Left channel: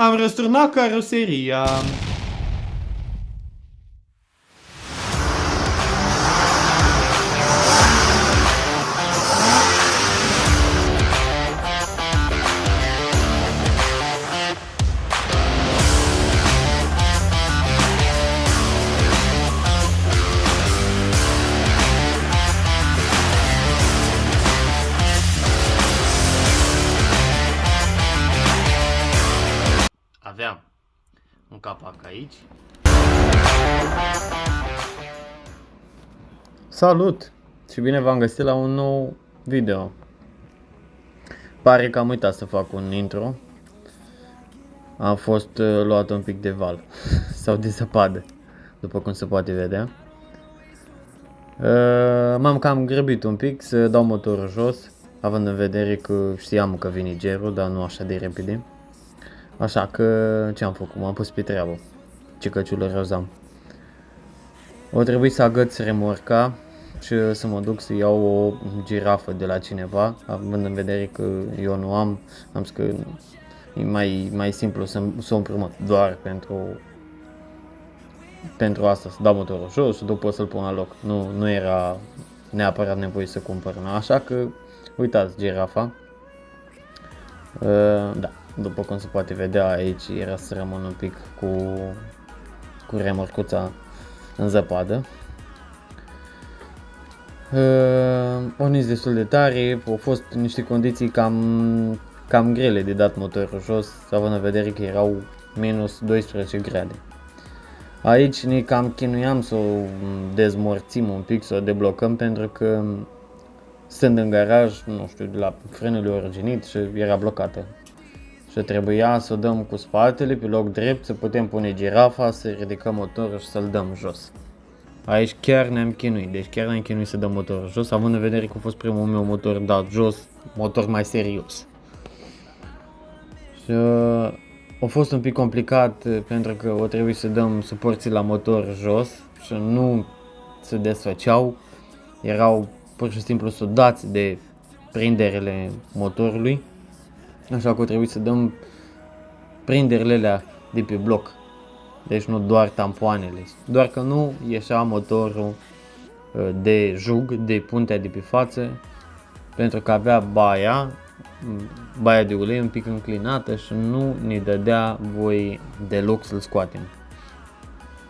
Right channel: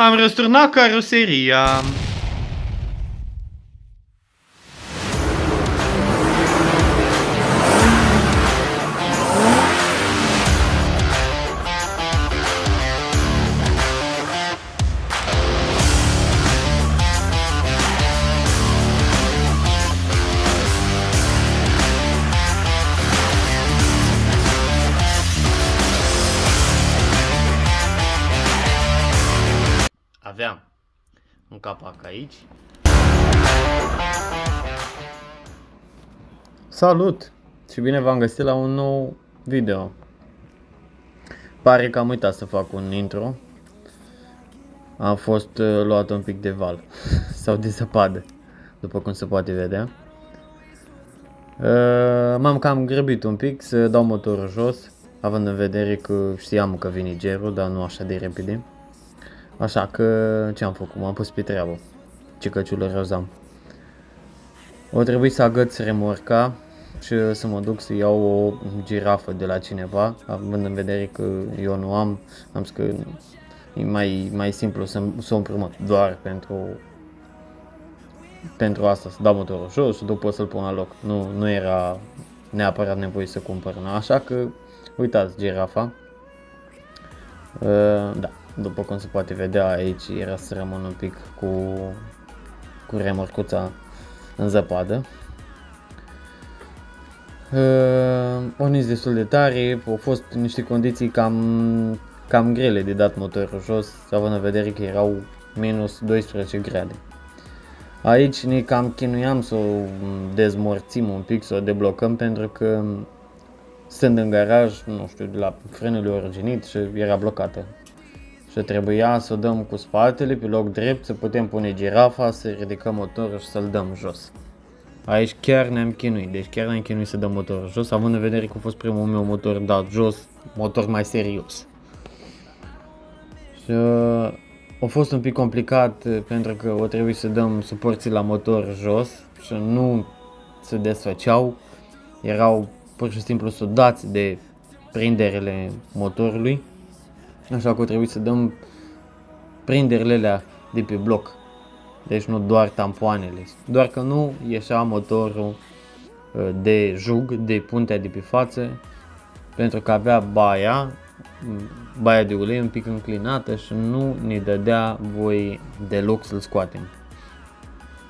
Am răsturnat caroseria. Aveam un capac aici. Salut și bine v-am găsit la un nou video. Pare că am uitat să fac un intro. Am fost luat un pic de val sau de zăpadă, după cum se poate vedea. M-am cam grăbit un pic să dau motorul jos, având în vedere că știam că vine gerul, dar nu așa de repede. Așa că ce am făcut? M-am pus pe treabă. Ce căciulă rozam. O trebuie să agăț remorca și să mă duc să iau o girafă de la cineva, având în vedere că eu nu am zis că e mai simplu să o împrumut doar pentru asta, să dau motorul jos și după să-l pun la loc. Nu era neapărat nevoie să cumpăr una, așa că uitați girafa. Da. După cum se poate vedea, aici era să rămân un pic cu remorcuța în zăpadă. Porniți destul de tare, au fost niște condiții cam grele de dat motorul jos, având în vedere că erau minus 12 grade. Aici ne cam chinuiam să o dezmorțim un pic, să o deblocăm, pentru că stând în garaj, nu știu, de la frânele originit și era blocată. Și trebuia să o dăm cu spatele pe loc drept, să putem pune girafa, să ridicăm motorul și să-l dăm jos. Aici chiar ne-am chinuit, deci chiar ne-am chinuit să dăm motorul jos, având în vedere că a fost primul meu motor dat jos, motor mai serios. Și a fost un pic complicat pentru că o trebuie să dăm suporții la motor jos și nu se desfăceau, erau pur și simplu sudați de prinderele motorului. Așa că o trebuie să dăm prinderile alea de pe bloc, deci nu doar tampoanele, doar că nu ieșea motorul de jug, de puntea de pe față, pentru că avea baia de ulei un pic înclinată și nu ne dădea voie deloc să-l scoatem,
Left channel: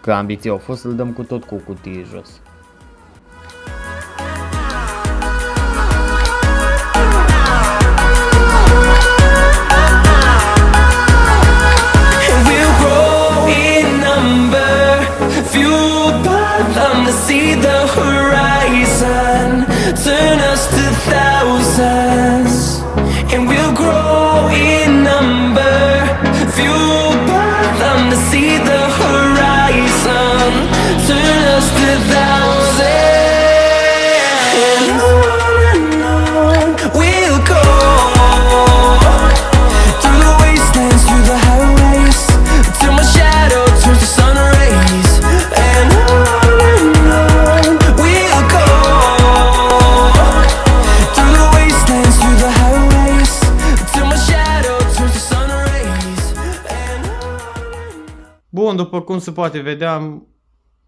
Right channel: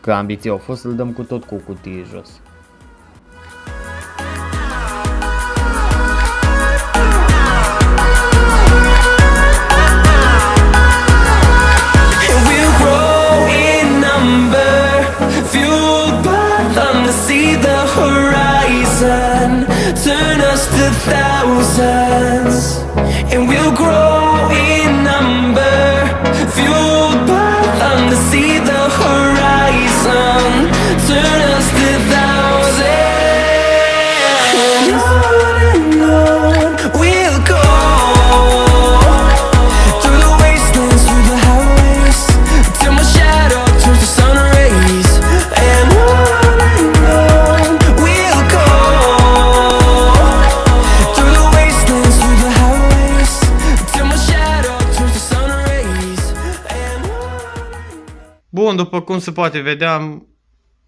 că ambiția a fost să-l dăm cu tot cu cutie jos. See the horizon, turn us to thousands, and we'll grow in number, fueled by them to see the horizon, turn us to thousands, and on we'll go, through the wastelands, through the highways, till my shadow turns to sun rays, and Bun, după cum se poate vedea, am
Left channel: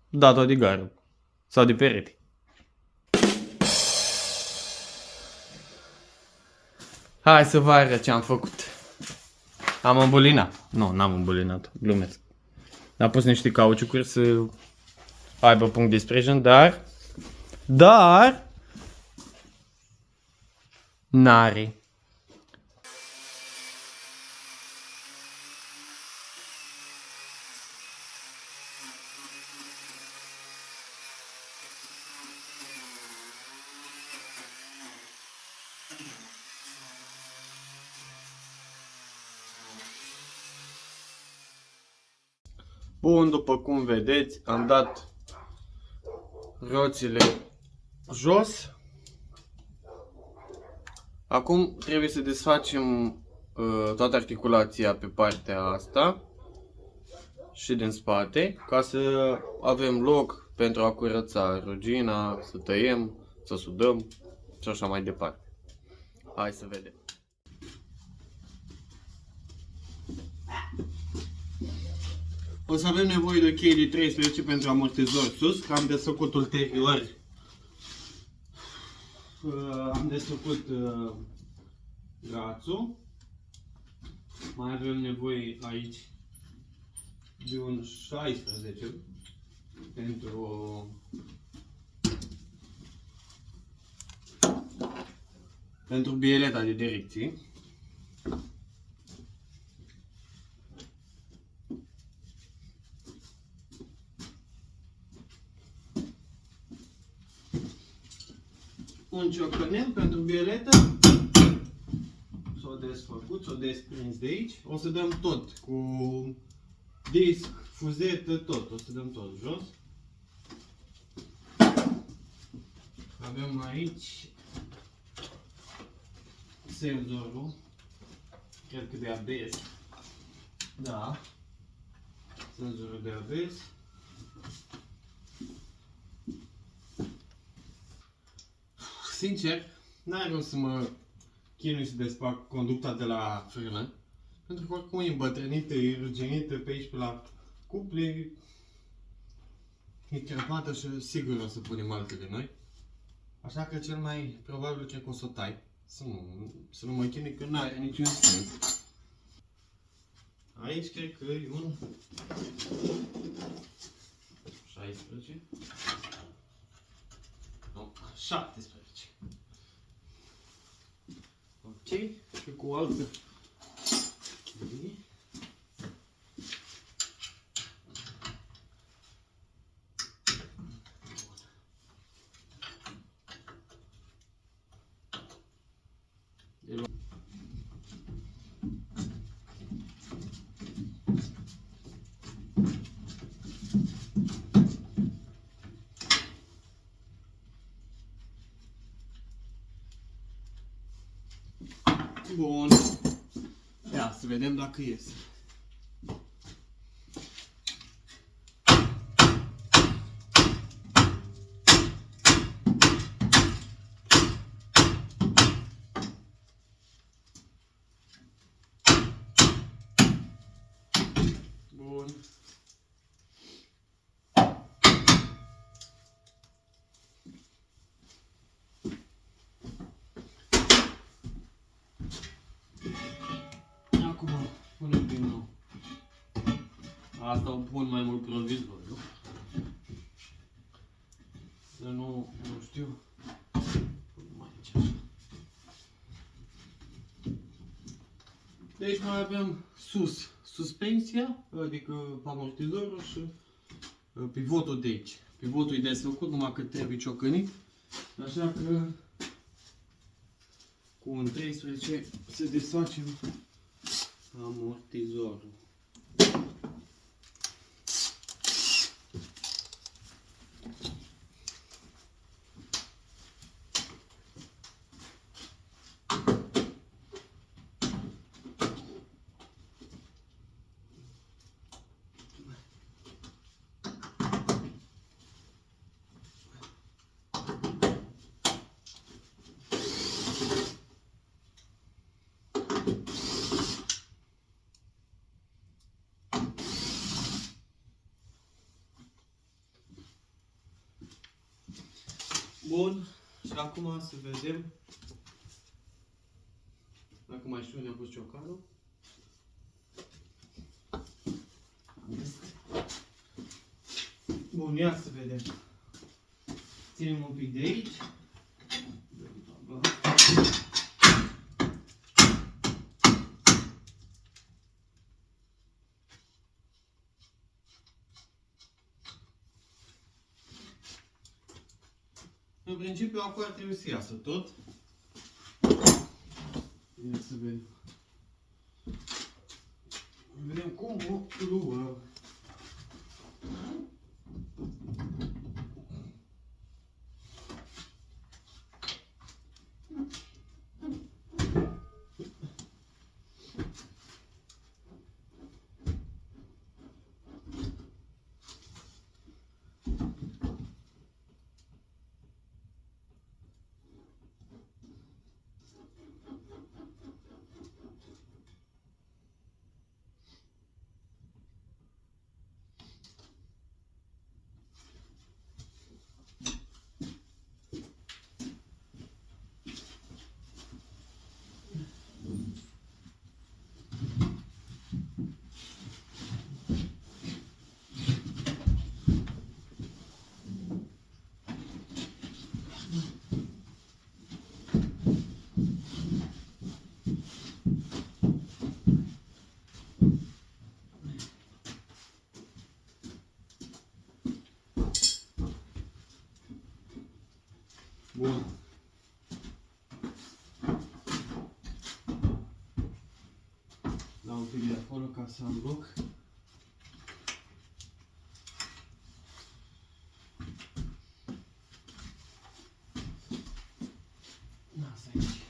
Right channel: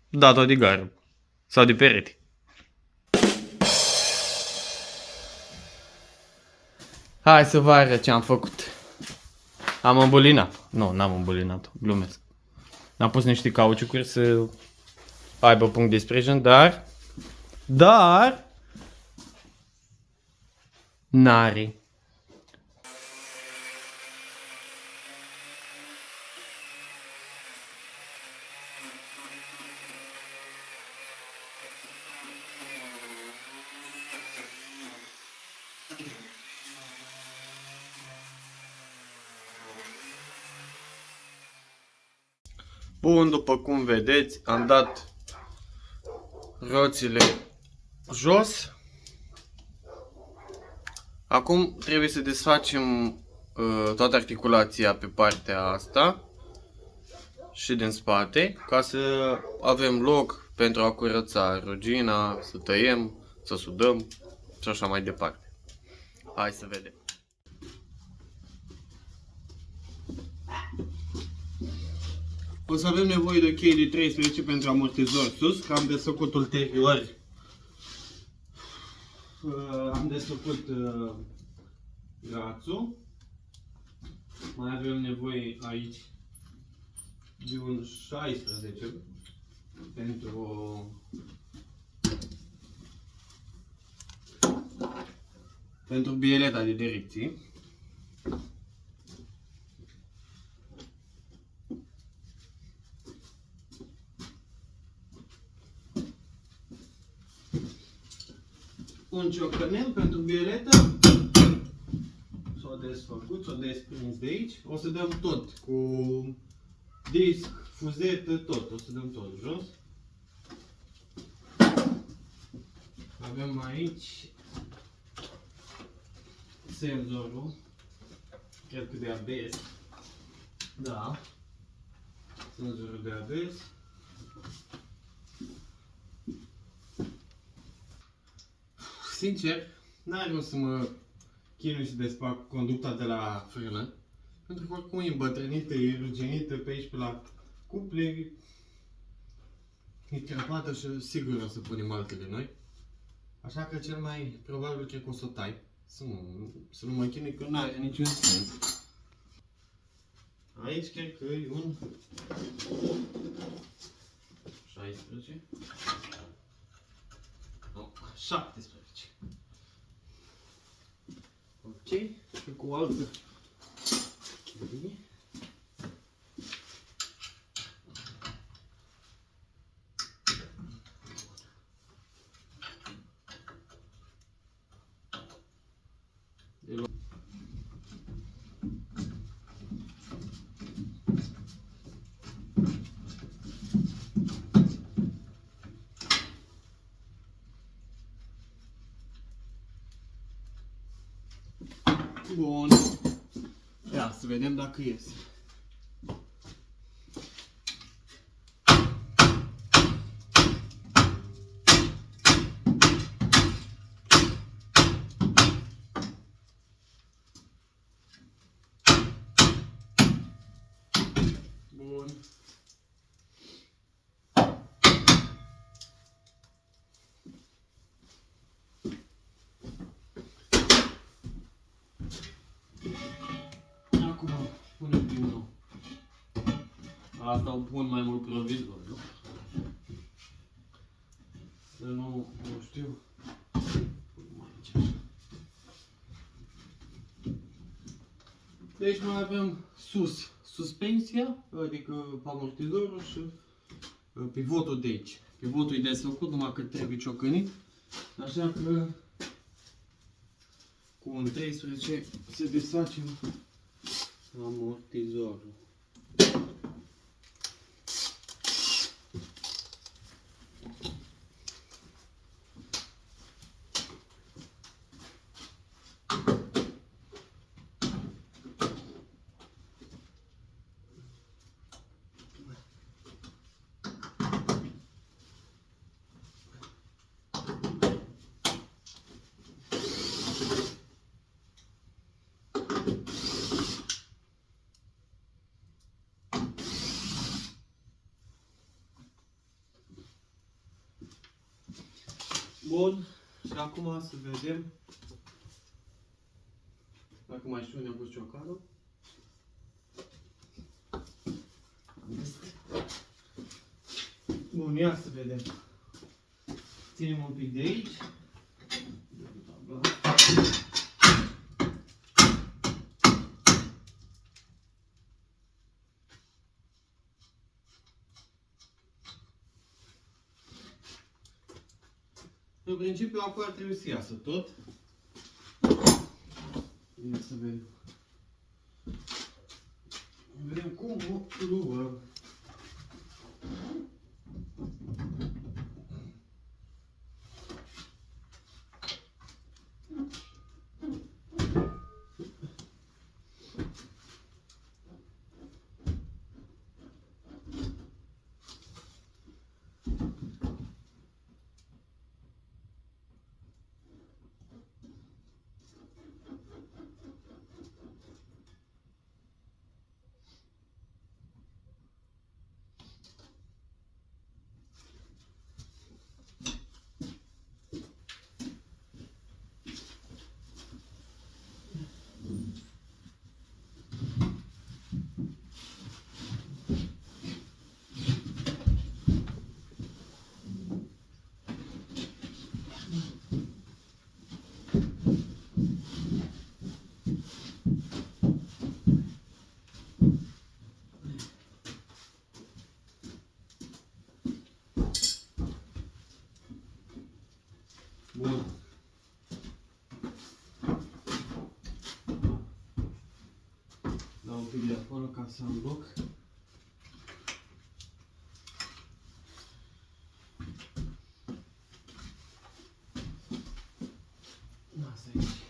dat-o de gară sau de perete. Hai să vă arăt ce am făcut. Am îmbulinat. Nu, n-am îmbulinat, glumesc. Am pus niște cauciucuri să aibă punct de sprijin, dar n-are. Bun, după cum vedeți, am dat roțile jos. Acum trebuie să desfacem toată articulația pe partea asta și din spate, ca să avem loc pentru a curăța rugina, să tăiem, să sudăm și așa mai departe. Hai să vedem. O să avem nevoie de o cheie de 13 pentru amortizor sus, că am desfăcut ulterior. Am desfăcut grațul. Mai avem nevoie aici de un 16 pentru bieleta de direcții. Un ciocănel pentru bieletă. S-o desfăcut, s-o desprins de aici. O să dăm tot cu disc, fuzetă, tot. O să dăm tot jos. Avem aici senzorul. Cred că de ABS. Da. Senzorul de ABS. Sincer, n-are rost să mă chinui să desfac conducta de la frână, pentru că oricum e îmbătrânită, e ruginită pe aici, pe la cuple, e crăpată și sigur o să punem altele noi. Așa că cel mai probabil cred că o să o tai, să nu mă chinui, că n-are niciun sens. Aici cred că e un 16. Nu, 17. Ok, și cu o altă cheie. Bun. Ia să vedem dacă iese. Bun. Acum punem din nou. Asta o pun mai mult provizoriu. Să nu știu. Mai aici așa. Deci mai avem sus suspensia, adică amortizorul și pivotul de aici. Pivotul e desfăcut, numai că trebuie ciocănit. Așa că cu un 13 se desfacem amortizorul. Bun, și acum să vedem dacă mai știu unde am pus ciocanul. Bun, ia să vedem. Ținem un pic de aici. În principiu, acolo ar trebui să iasă tot. Ia să vedem. Vedem cum o luăm. un pic de acolo ca să am loc. Asta aici.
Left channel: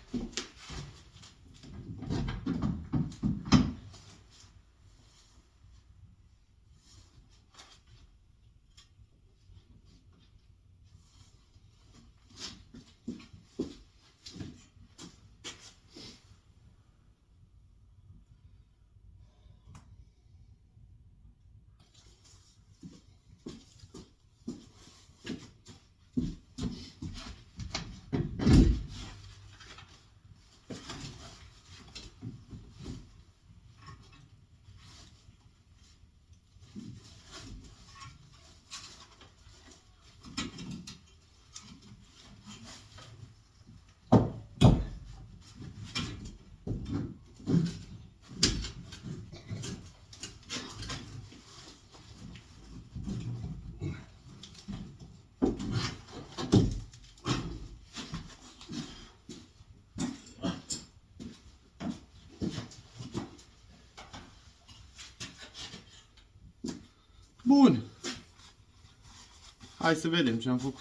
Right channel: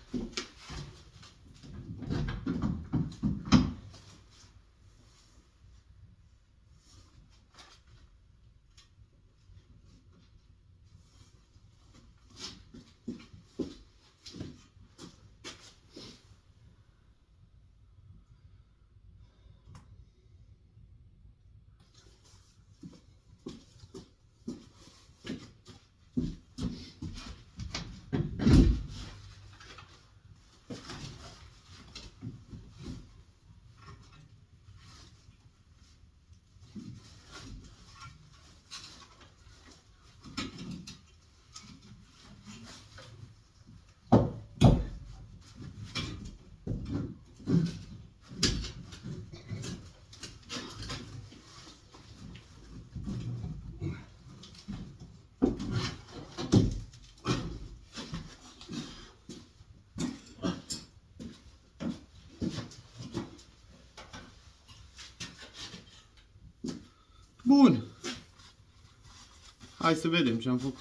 Bun. Hai să vedem ce am făcut.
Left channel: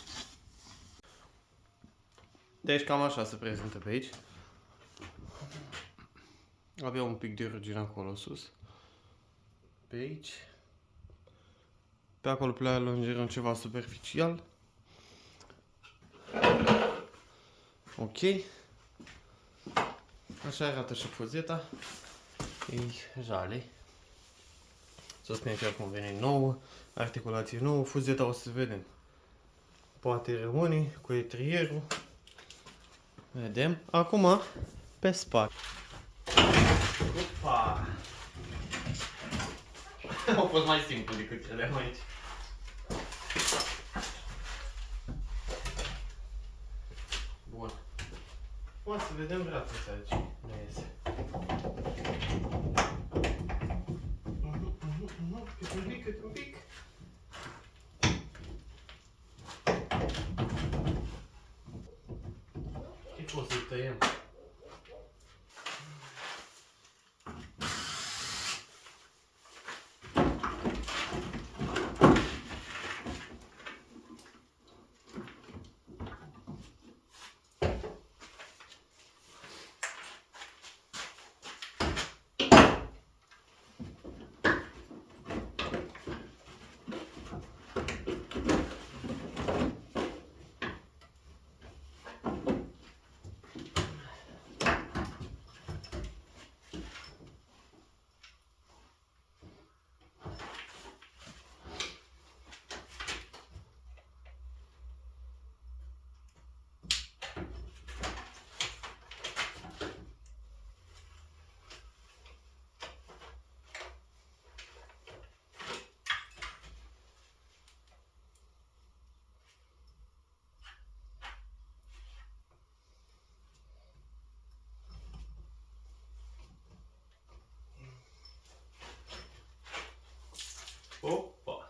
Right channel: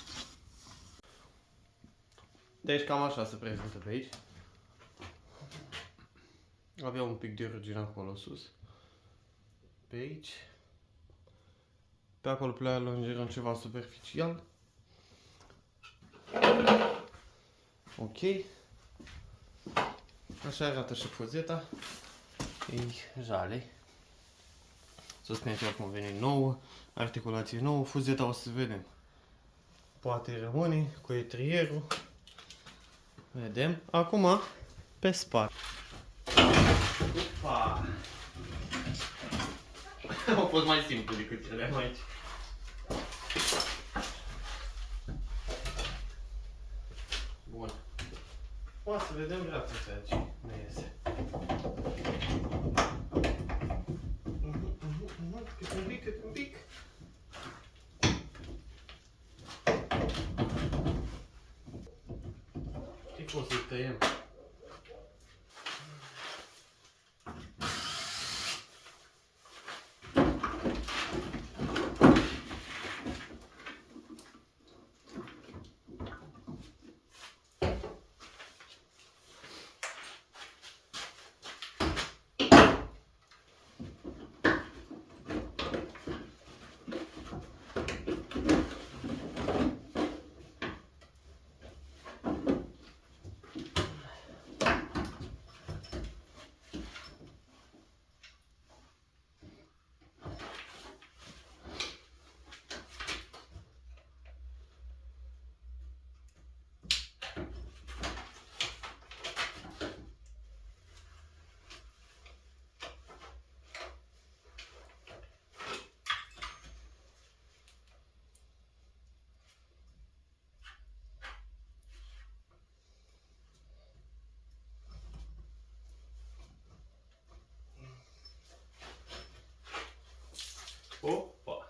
Deci cam așa se prezintă pe aici. Avea un pic de rugire acolo sus. Pe aici. Pe acolo pe la lungirea ceva superficial. Ok. Așa arată și fuzeta. Ei jale. Suspensia cum vine nouă, articulație nouă, fuzeta o să vedem. Poate rămâne cu etrierul. Vedem. Acum pe spate. Opa! A fost mai simplu decât cele aici. Bun. O să vedem brațele aici. Ne iese. Cât un pic, cât un pic. Știi cum să-i tăiem? Opa!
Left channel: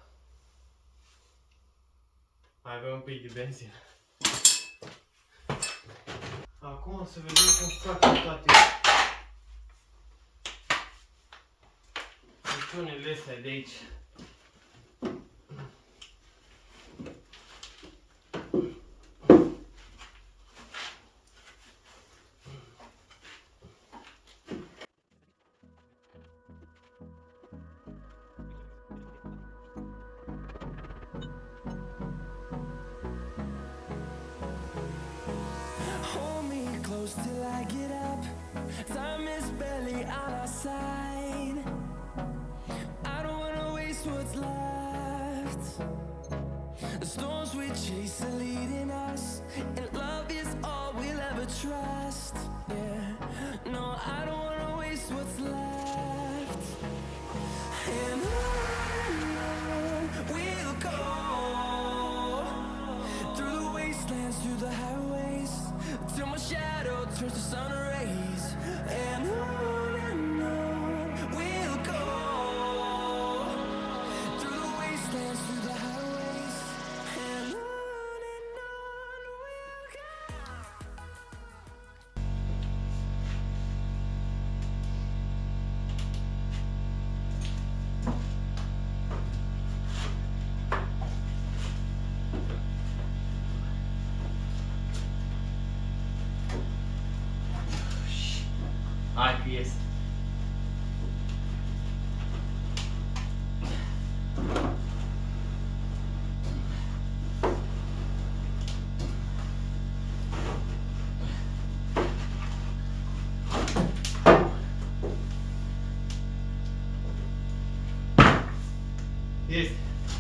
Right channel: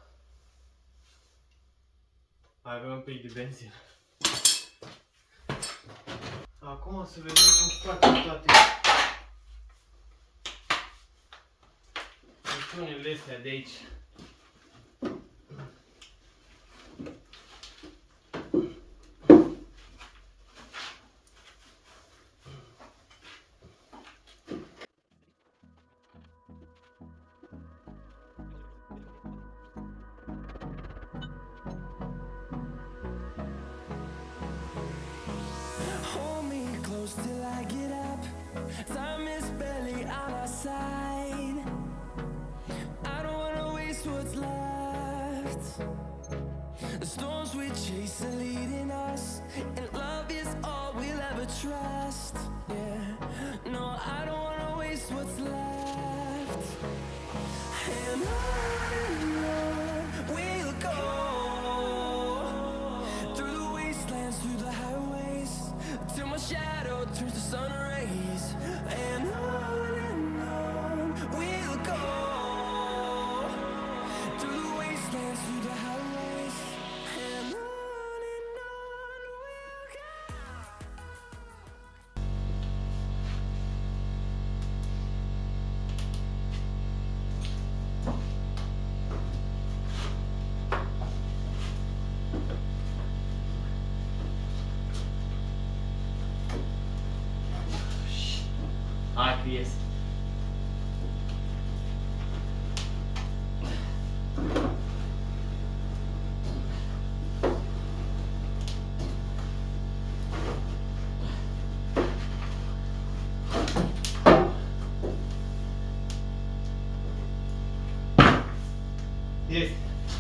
Mai avem un pic de benzină. Acum să vedem cum scoatem toate butonile astea de aici. Hold me close till I get up. Time is barely on our side. I don't wanna waste what's left. The storms we chase are leading us, and love is all we'll ever trust. Yeah, no, I don't wanna waste what's left. And on we'll go, through the wastelands, through the highways, till my shadow turns to sun rays. And on we'll go, through the wastelands, through the highways. And on we'll go.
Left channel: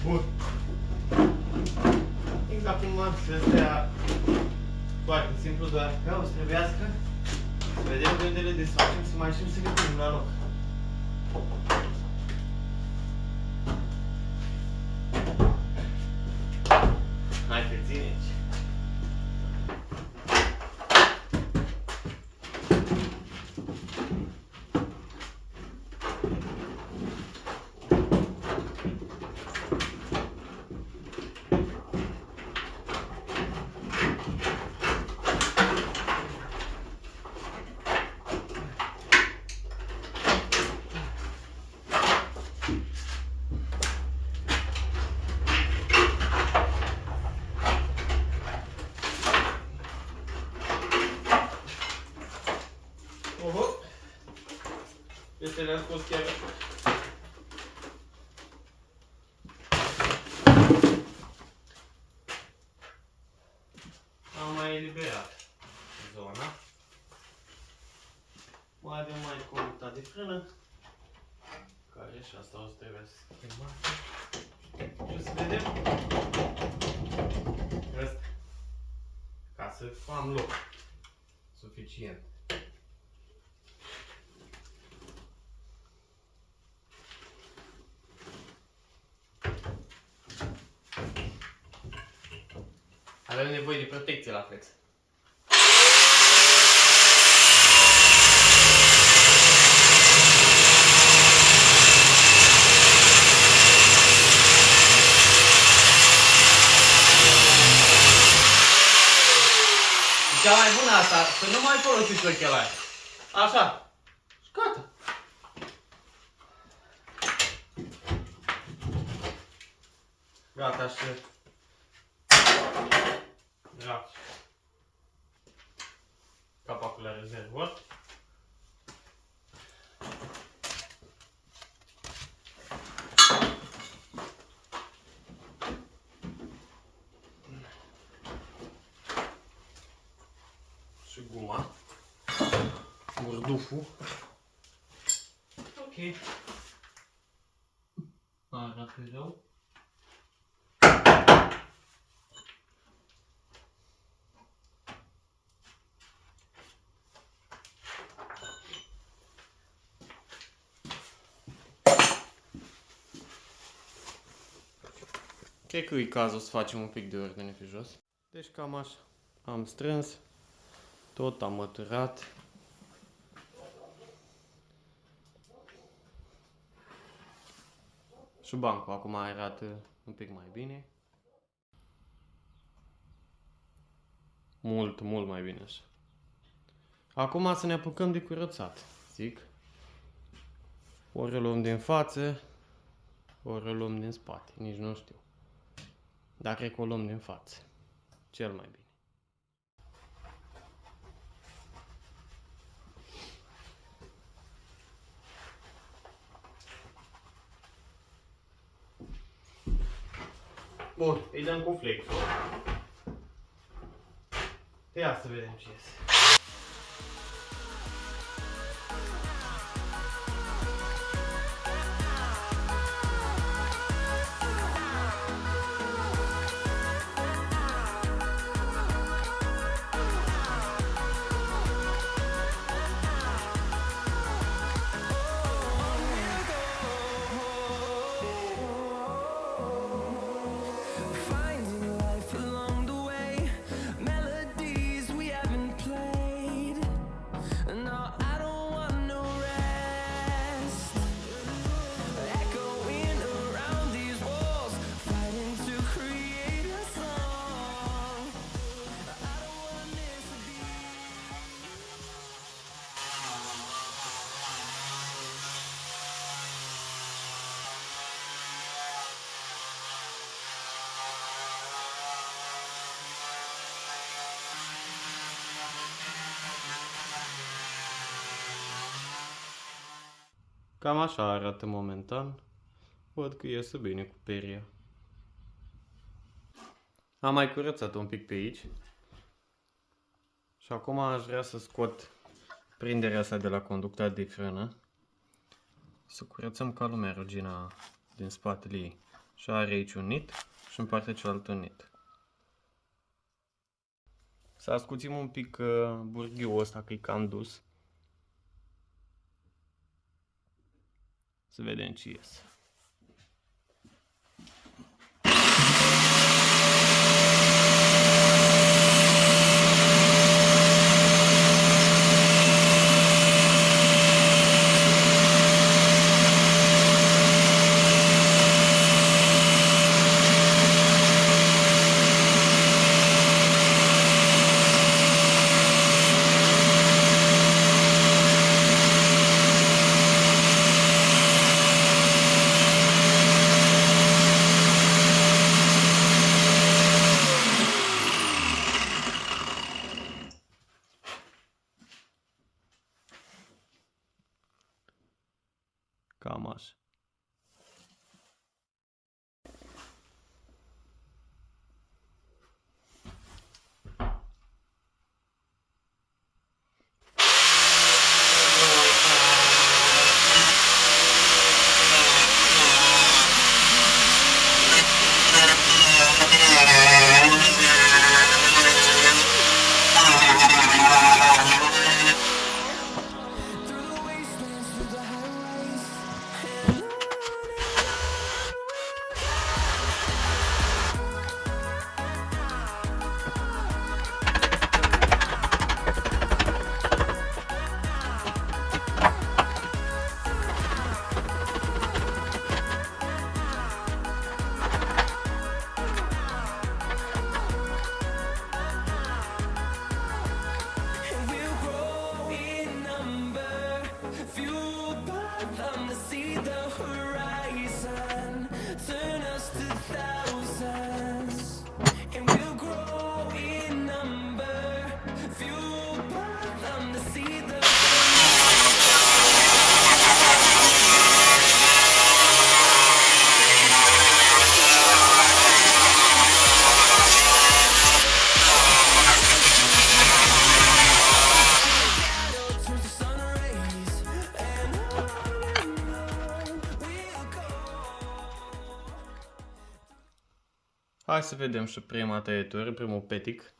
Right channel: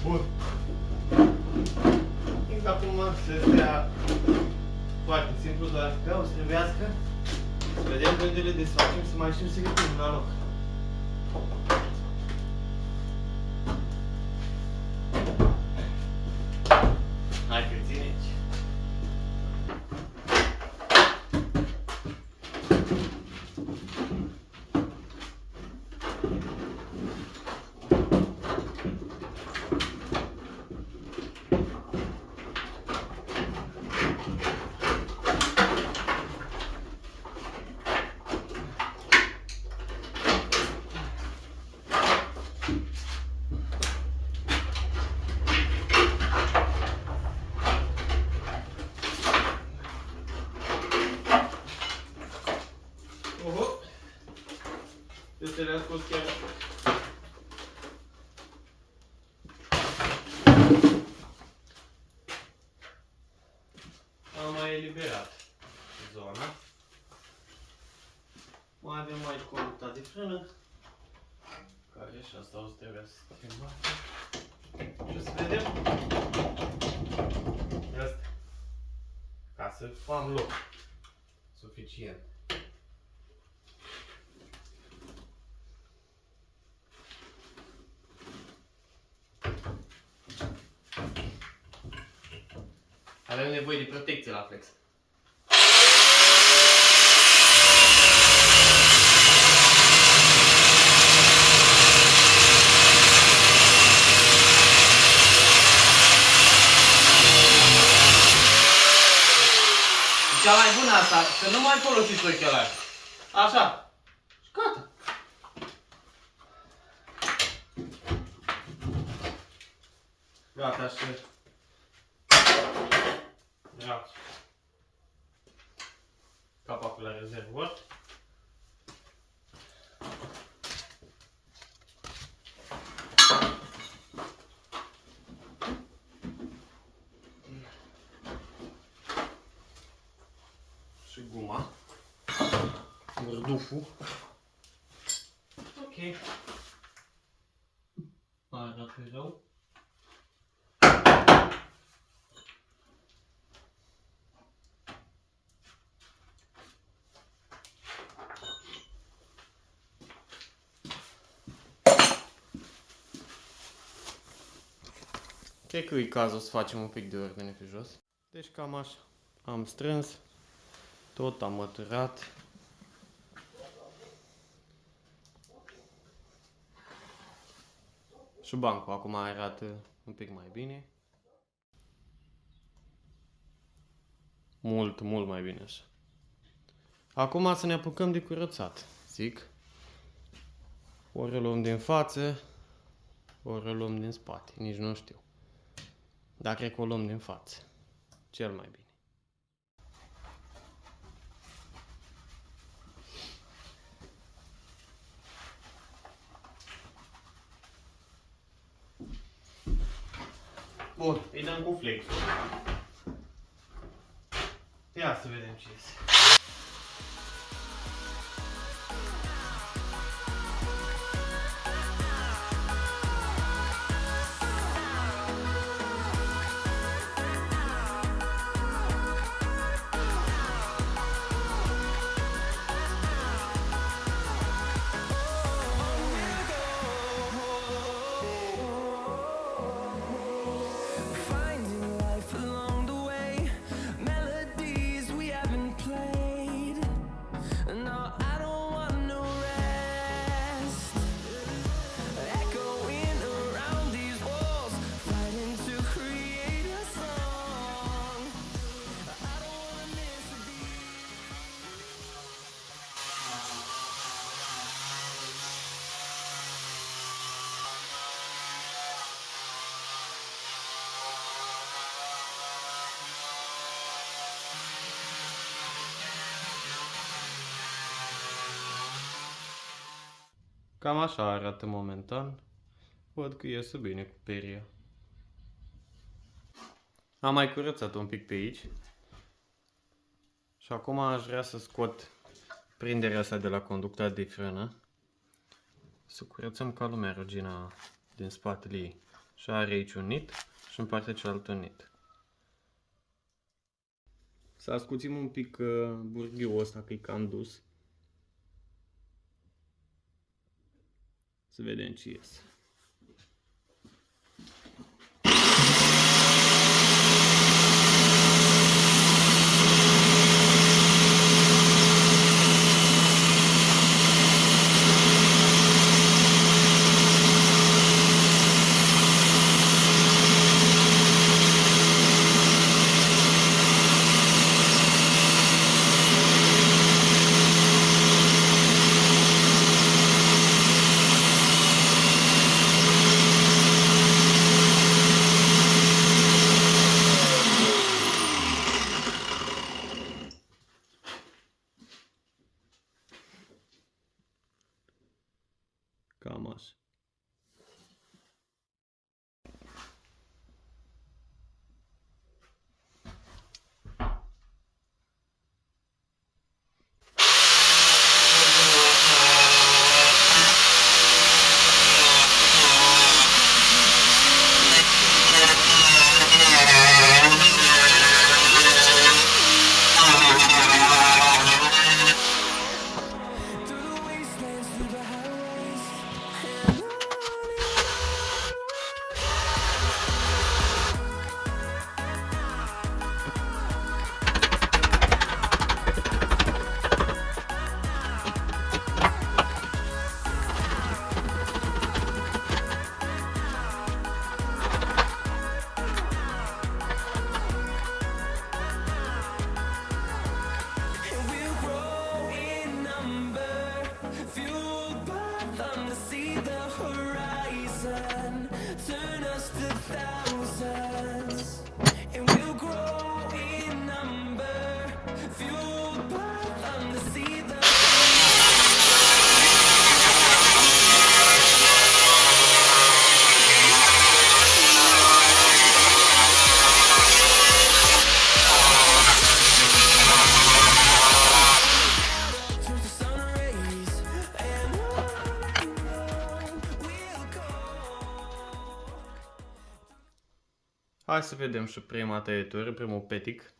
Bun. Cred că acum să stea foarte simplu, doar că o să trebuiască să vedem cum le desfacem, să mai știm să le punem la loc. Hai că ține aici. Oho! Deci le-am scos chiar. Am mai eliberat zona. Mai avem mai conducta de frână, care și asta o să trebuie să schimbăm. Și o să vedem asta, ca să am loc suficient. Avem nevoie de protecție la flex. Cea mai bună asta, să nu mai folosiți ochelari. Așa. Și gata. Gata și... Gata. Capacul la rezervor. Și guma. Burduful. Ok. Arată rău. Cred că e cazul să facem un pic de ordine pe jos. Deci cam așa. Am strâns. Tot am măturat. Și bancul acum arată un pic mai bine. Mult mai bine așa. Acum să ne apucăm de curățat, zic. Ori o luăm din față, ori o luăm din spate, nici nu știu. Dar cred că o luăm din față, cel mai bine. Bun, îi dăm cu flexul. Ia să vedem ce iese. Finding life along the way, melodies we haven't played. No, I don't want no rest. Echoing around these walls, fighting to create a song. I don't wanna miss a beat. Cam așa arată momentan. Văd că iese bine cu peria. Am mai curățat un pic pe aici. Și acum aș vrea să scot prinderea asta de la conducta de frână. Să curățăm ca lumea rugina din spatele ei. Și are aici un nit și în partea cealaltă un nit. Să ascuțim un pic burghiul ăsta că e cam dus. Să vedem ce iese. Cam așa. through the wastelands, through the highways, and on and we'll grow in number, fueled by them to see the horizon, turn us to thousands. And we'll grow in number, fueled by them to see the turns to sun rays, and on we'll go. Hai să vedem și prima tăietură, primul petic.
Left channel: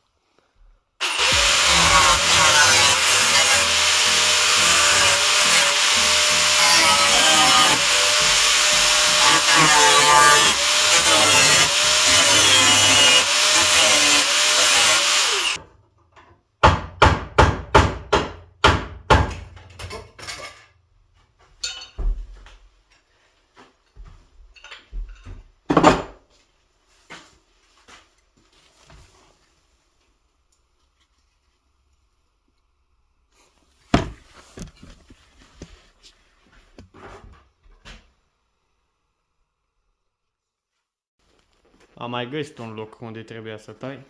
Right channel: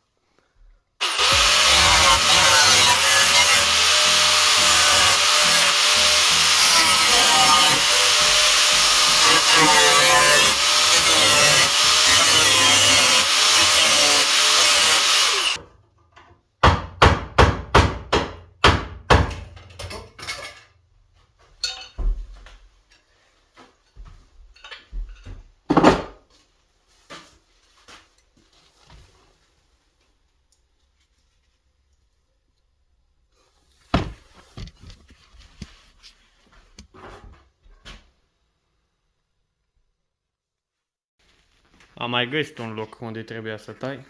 Am mai găsit un loc unde trebuia să tai.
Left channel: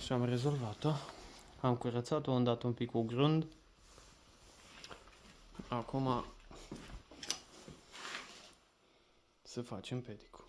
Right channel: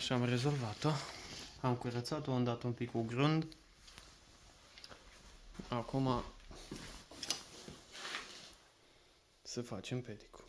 Și am rezolvat-o. Am curățat-o, am dat un pic cu grund. Acum să facem pedicul.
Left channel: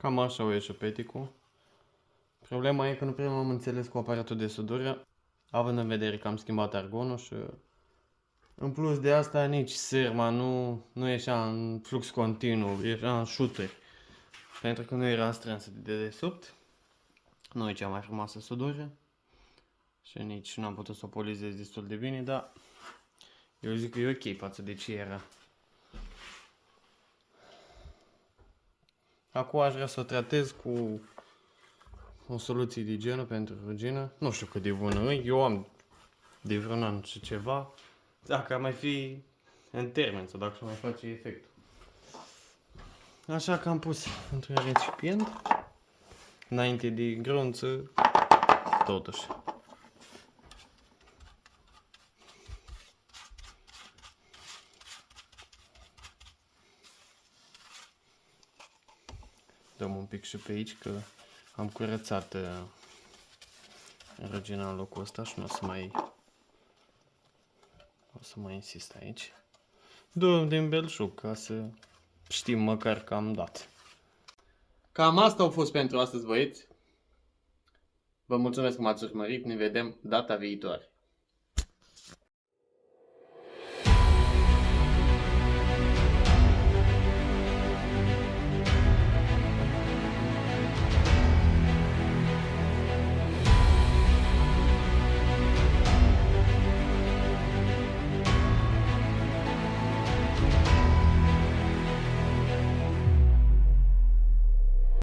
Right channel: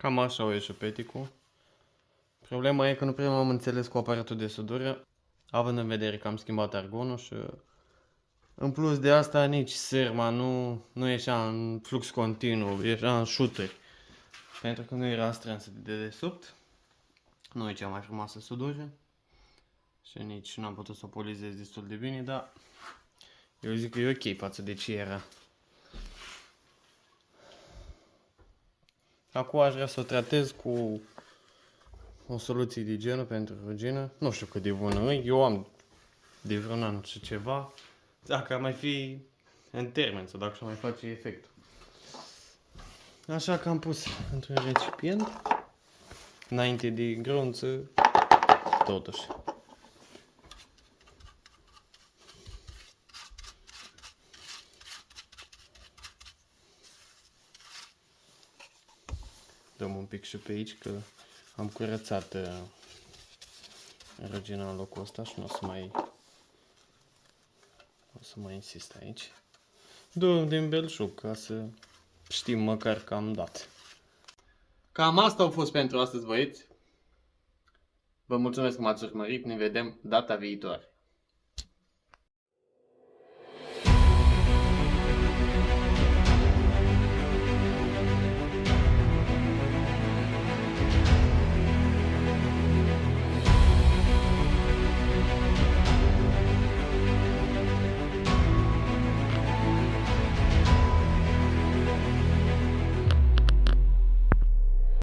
Cam așa o ieși peticul. Problema e că nu prea m-am înțeles cu aparatul de sudură, având în vedere că am schimbat argonul și în plus de asta nici sârma nu ieșea în flux continuu, ieșea în șuteri. Pentru că nu era strânsă de dedesubt. Nu e cea mai frumoasă sudură. Și nici n-am putut să o polizez destul de bine, dar eu zic că e ok față de ce era. Acum aș vrea să o tratez cu o soluție de igienă pentru rugină. Nu știu cât de bună e, eu am de vreun an și ceva. Dacă ar mai fi în termen sau dacă mai face efect. Așa că am pus într-un recipient, înainte de grunță, totuși. Dăm un pic și pe aici că am curățat rugina în locul ăsta și nu o să mai insist aici. Dăm din belșug ca să știm măcar că am dat. Cam asta a fost pentru astăzi, băieți. Vă mulțumesc că m-ați urmărit, ne vedem data viitoare.